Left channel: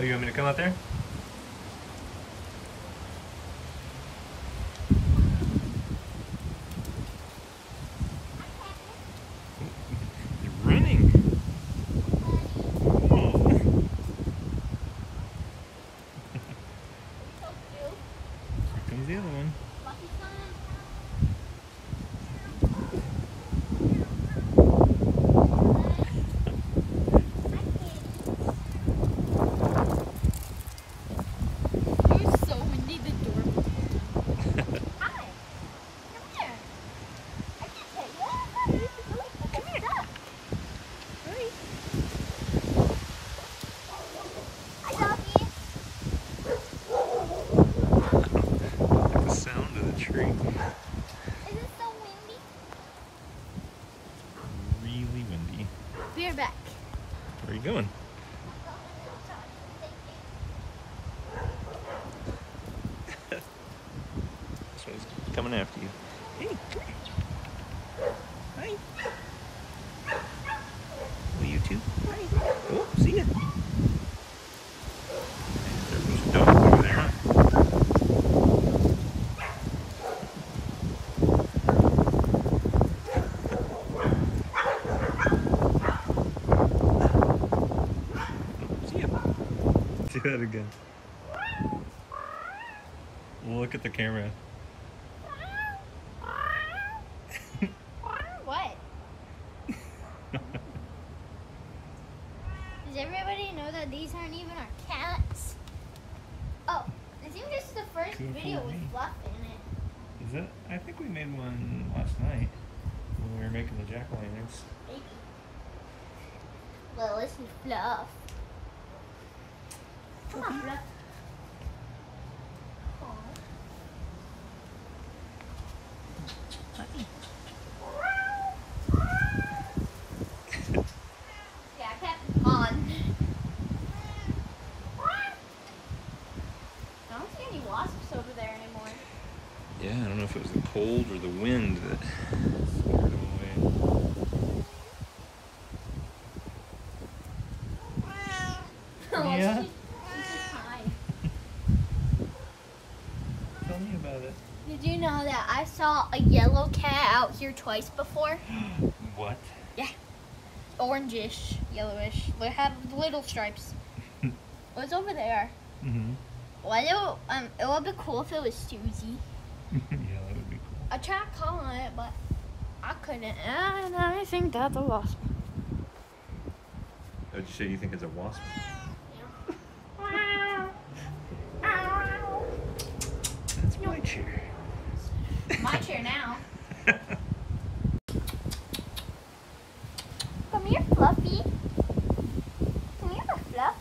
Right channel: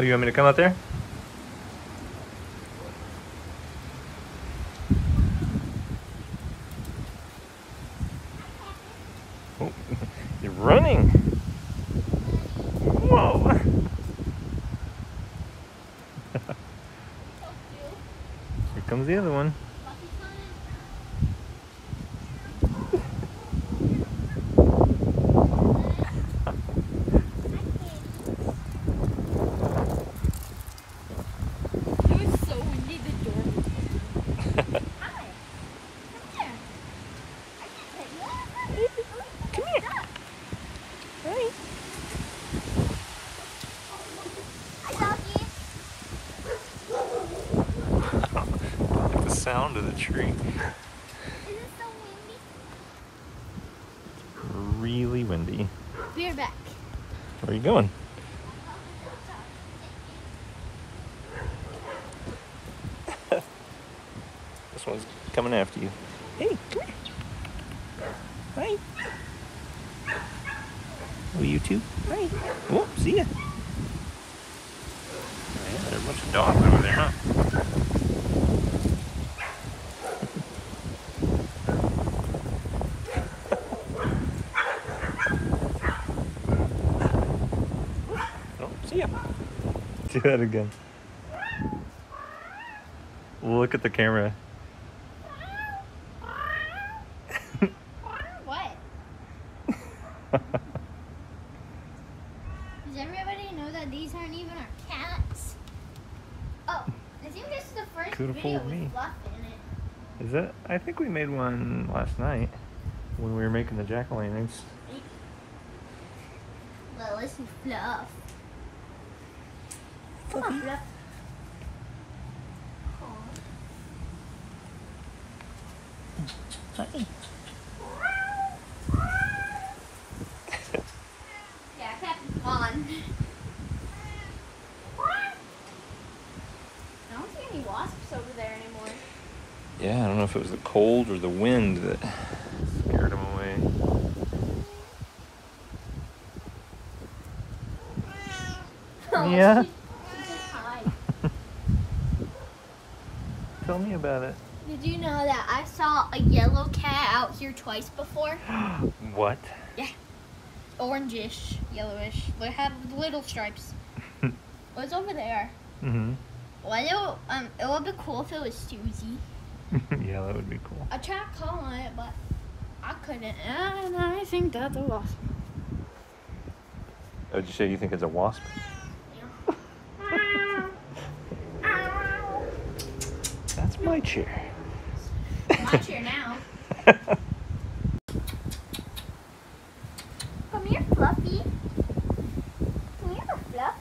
Oh, you want me to come out there? Oh, you're running. Whoa. Here comes the other one. Sound of the tree. Is it so windy? Really windy. We're back. Where are you going? This one's coming after you. Hey, come here. Hi. Oh, you too? Hi. Oh, see ya. Oh, yeah, there's a bunch of dogs over there, huh? See ya. Do that again. Look at the camera. What? Does everybody know that these aren't even our cats? Oh, I think this is the first Could've video fooled with me. Fluff in it. Is that? I think we made one last night when we were making the jack-o'-lanterns. Well, this is Fluff. Come on, Fluff. Hi. Yeah, Captain Pond. I don't see any wasps over there anymore. Yeah, I don't know if it was the cold or the wind that scared them away. Oh, Yeah? she just hide. Tell me about it. Did you know that I saw a yellow cat out here twice before? What? Yeah. Orangish, yellowish. It had little stripes. It was over there. Mm-hmm. Well, it would be cool if it was Susie. Yeah, that would be cool. I tried calling it, but I couldn't. And I think that's a wasp. Oh, did you say you think it's a wasp? That's my chair. My chair now. Come here, Fluffy. Come here, Fluff.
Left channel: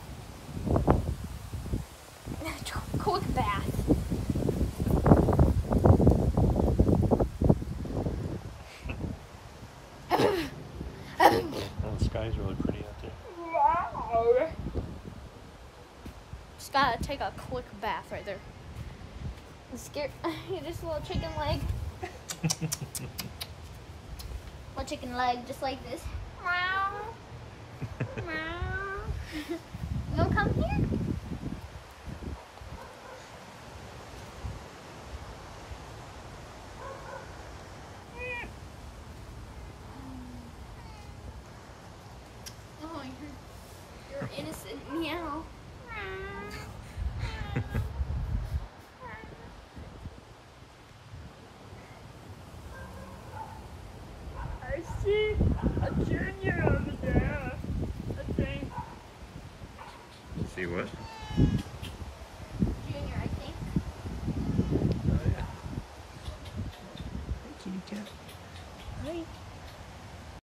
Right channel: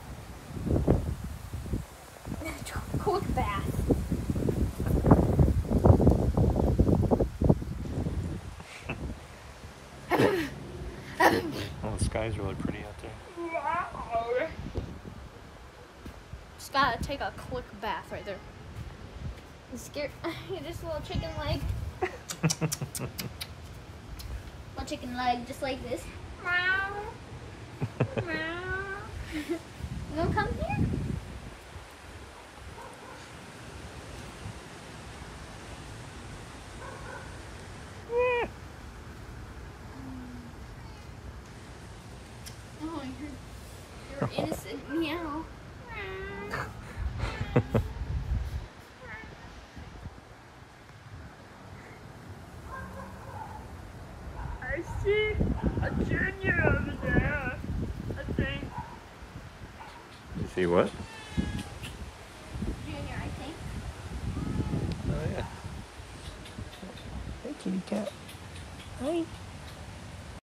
Cold bath. Oh, the sky's really pretty out there. Just gotta take a quick bath right there. I'm scared. Just a little chicken leg. Little chicken leg, just like this. Meow. Meow. You wanna come here? Oh, you're innocent. Meow. I see a junior over there, I think. See what? Junior, I think. Oh, yeah. Hey, kitty cat. Hi.